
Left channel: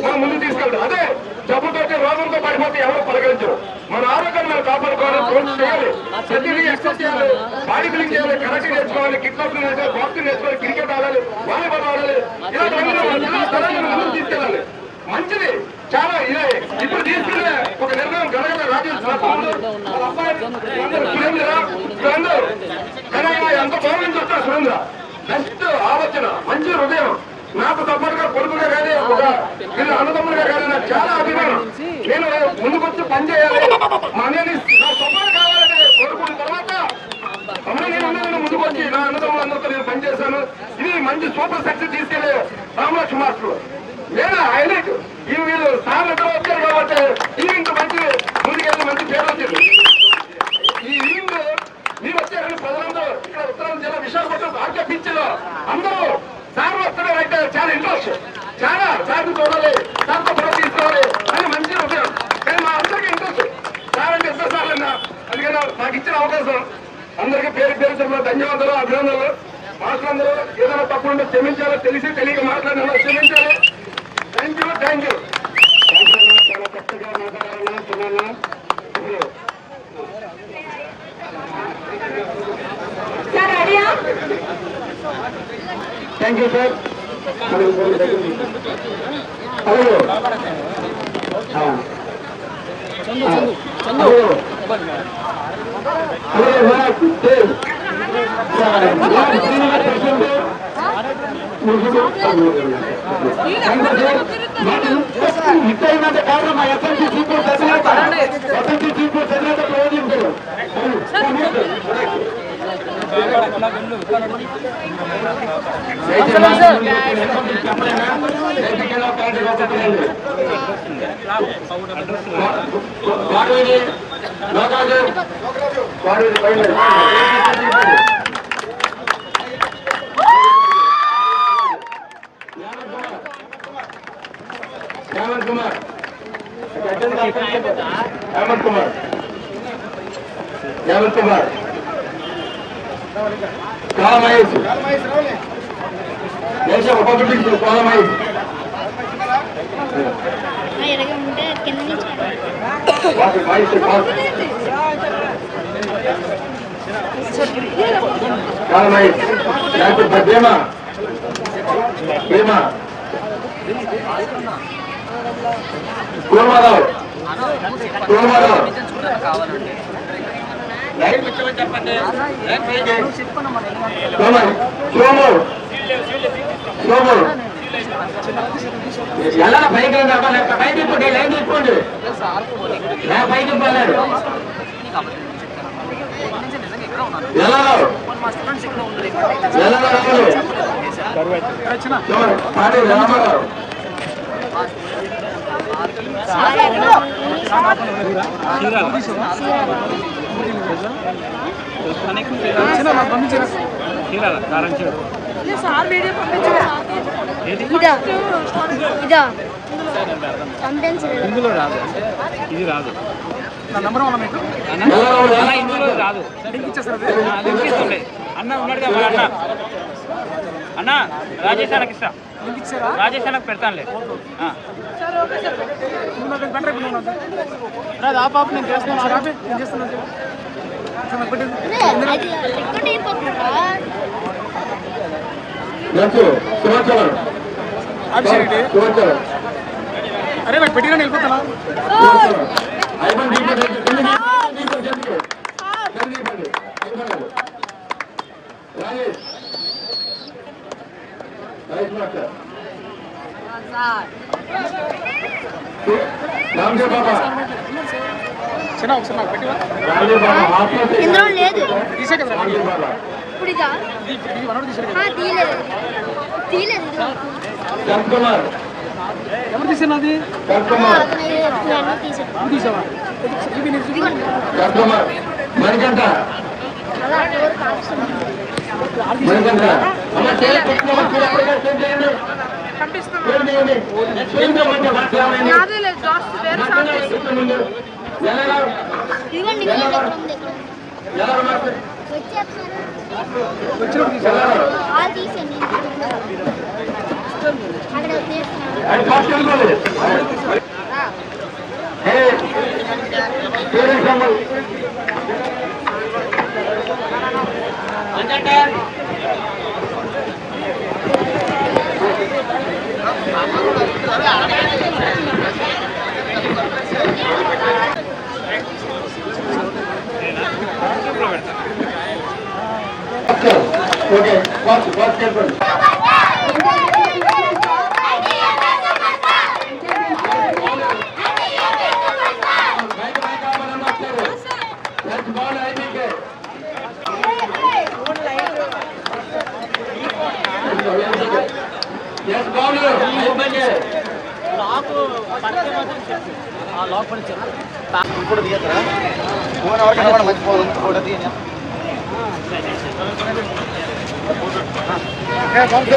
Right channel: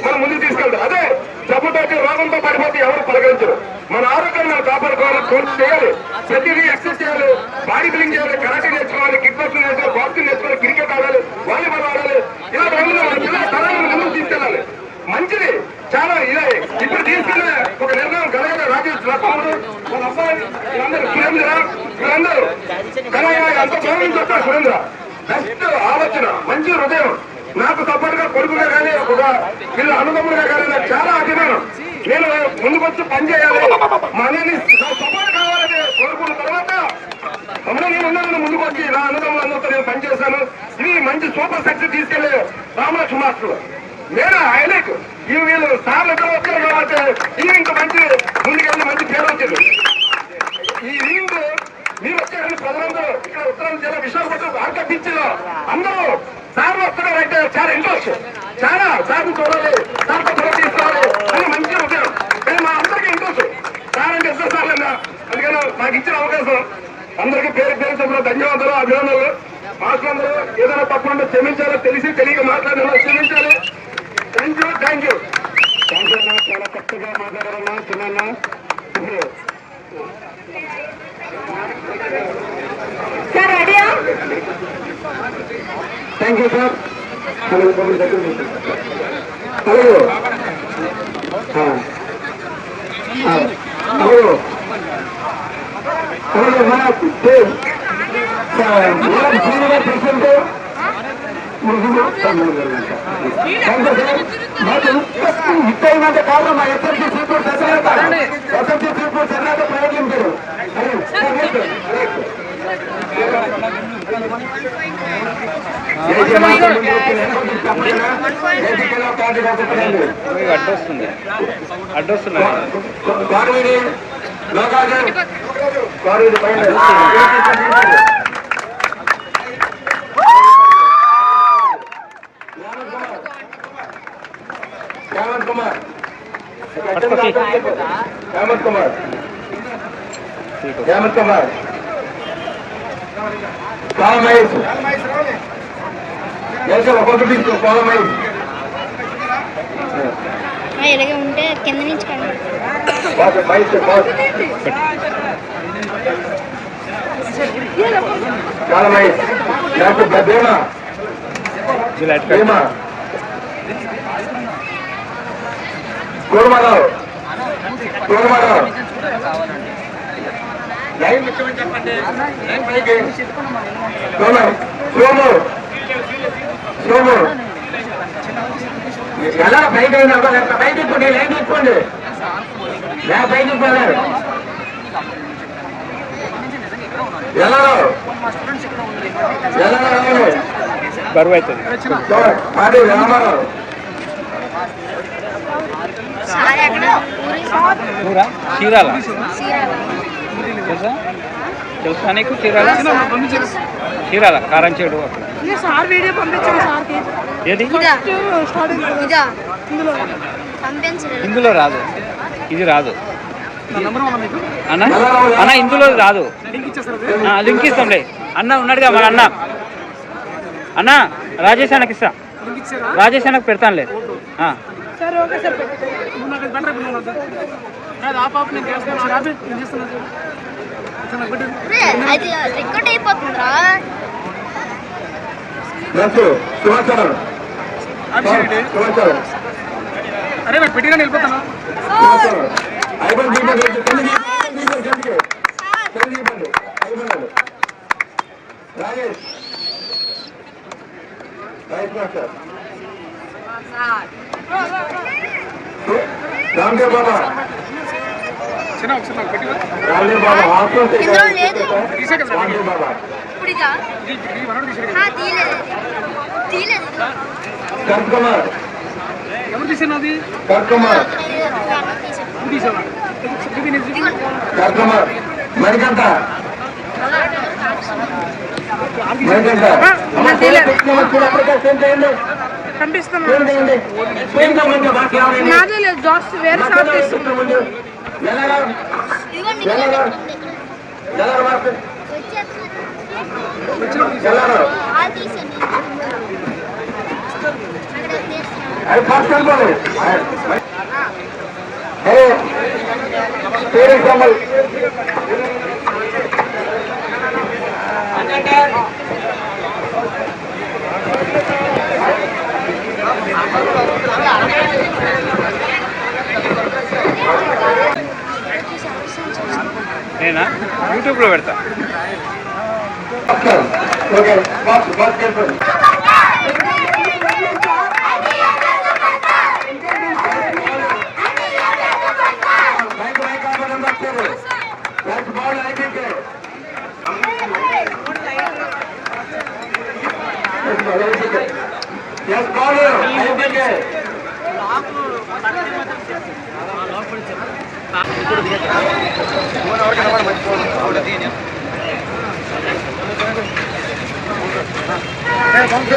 మనం ముందుకు తీసుకెళ్తాం. అదే జబ్బుతో రోగంతో పడిపోతే ఎవరు పలకరించరు. మన ఆరోగ్యాన్ని మనం కాపాడుకోవాలి, స్పోర్ట్స్ చేయాలి, ప్రతిదీ ఎక్సర్సైజ్ చేయాలి, బాడీ బిల్డింగ్ చేయాలి, కరాటే నేర్చుకోవాలి, కిక్ బాక్సింగ్ నేర్చుకోవాలి, బాక్సింగ్ నేర్చుకోవాలి, క్రికెట్ ఆడాలి, వాలీబాల్ ఆడాలి. ఇలా ముందుకు తీసుకెళ్ళాలి. మంచిది చాలా ఇదే. ఇప్పుడు తీసుకెళ్ళే ఒక నిర్ణయం గణన రాజేష్, నా తమ్ముడు, మన అబ్బాయి, సురేంద్ర, వీళ్ళందరూ గణన ఎంత గౌరవం చెప్తారు. సురేంద్ర బెస్ట్ ఆలోచన, మంచి హృదయం. నాకు సపోర్ట్ గా కొడుకుగా కానీ, ఒక వీళ్ళ అనుభవంగా కానీ నాకు చాలా అభిమానం. నేను ముందుకొచ్చి పని చేయాలి, మా అన్నని సపోర్ట్ కావాలని కోరుకున్న తర్వాత నేను ఉన్నాను. ముందుకొచ్చి నా అనుభవంతో నేను పనిచేశాను. ఇది మంచి సూపర్ సక్సెస్ తీసుకెళ్లే రామలక్ష్మ మాస్టర్ నేను హైలైట్. ఈ వీళ్ళు సార్లు ఎక్కడ వచ్చారు కాబట్టి ఇంత మంచి ముందుకెళ్ళి మంచి పేరు వచ్చింది. ఈ ఈవింగ్ మీరు వచ్చారని ప్రజలందరూ ఇక్కడ ఉత్తరాంధ్ర జిల్లా విశాఖపట్నం ఆర్క బీచ్ లో అందరూ సార్లు వస్తున్నారంటే చాలా ఇంట్రెస్ట్, చాలా సార్లు చూడాలి, సార్తో ఫోటో తీసుకోవాలి అని మంచి ఉద్యోగం. కానీ మా అందరికీ ఇంట్రెస్ట్. సార్ అంటే ఇద్దరు సార్లు అన్నా. అందుకని నాకు ఇచ్చిన అవకాశం అందరికీ పేరు పేరు ధన్యవాదాలు, అభినందనలు. మాస్టర్లందరూ ఏదైనా తప్పకుండా క్షమించాలో, తెలిసి తెలియక మాట్లాడినా క్షమించాలి. Thank you. కొత్తగా మాట్లాడాలన్నా చిన్న థ్యాంక్ యూ సార్. హలో ఇచ్చేయమంటే కాదు మా ఎస్ఎస్సీ సీపీ ఎస్ఎస్సీ సీపీ ప్రయోజనం అడ్రస్ హేమంత్ కుమార్ హేమంత్ కుమార్ హేమంత్ కుమార్ కాలమహేష్ ఒక్కొక్కటి కాలమహేష్ ఇలాగే ఉంటే కింద నుంచి కాలమహేష్ డాక్టర్ భద్రమ కోల్మారావు ఎలా పైకి పైకి ఇప్పండి లైన్ తీసుకోండి పైకి ఇవ్వాలి బరువు అవుతుంది రామారావు చీరాల తెలుసా తెలుసా నీకు చీరాల చీరాల కారంచేడు ఏది ఇందులో రాదు ఇది రాదు అన్న అన్న ఇందులో రాదు లింక్ ఇస్తాంలే అన్న ఉన్నాడుగా మన అన్న అన్న రాజేష్ అన్నకి ఇస్తా రాజేష్ అన్నకు పెడతానులే రికార్డ్ అయిపోతుందా అరే నాకు పెట్టినా వెళ్ళిపోతానా రామ్దేవ్ బాబా చిన్న ఒకసారి నాకు పెట్టినా ఇందులో లేదు తీసే కదా ఇప్పుడు ఇదా తీయలేదు తీయలేదు కరణ్ కుమార్ ఎవరు తీసాను కరణ్ కుమార్ నువ్వు తీసావా కరణ్ కుమార్ మణికంఠ నాదే లేదు జాబ్స్ వేరే షాప్ నేనా యూట్యూబ్లో పెడతా మంచి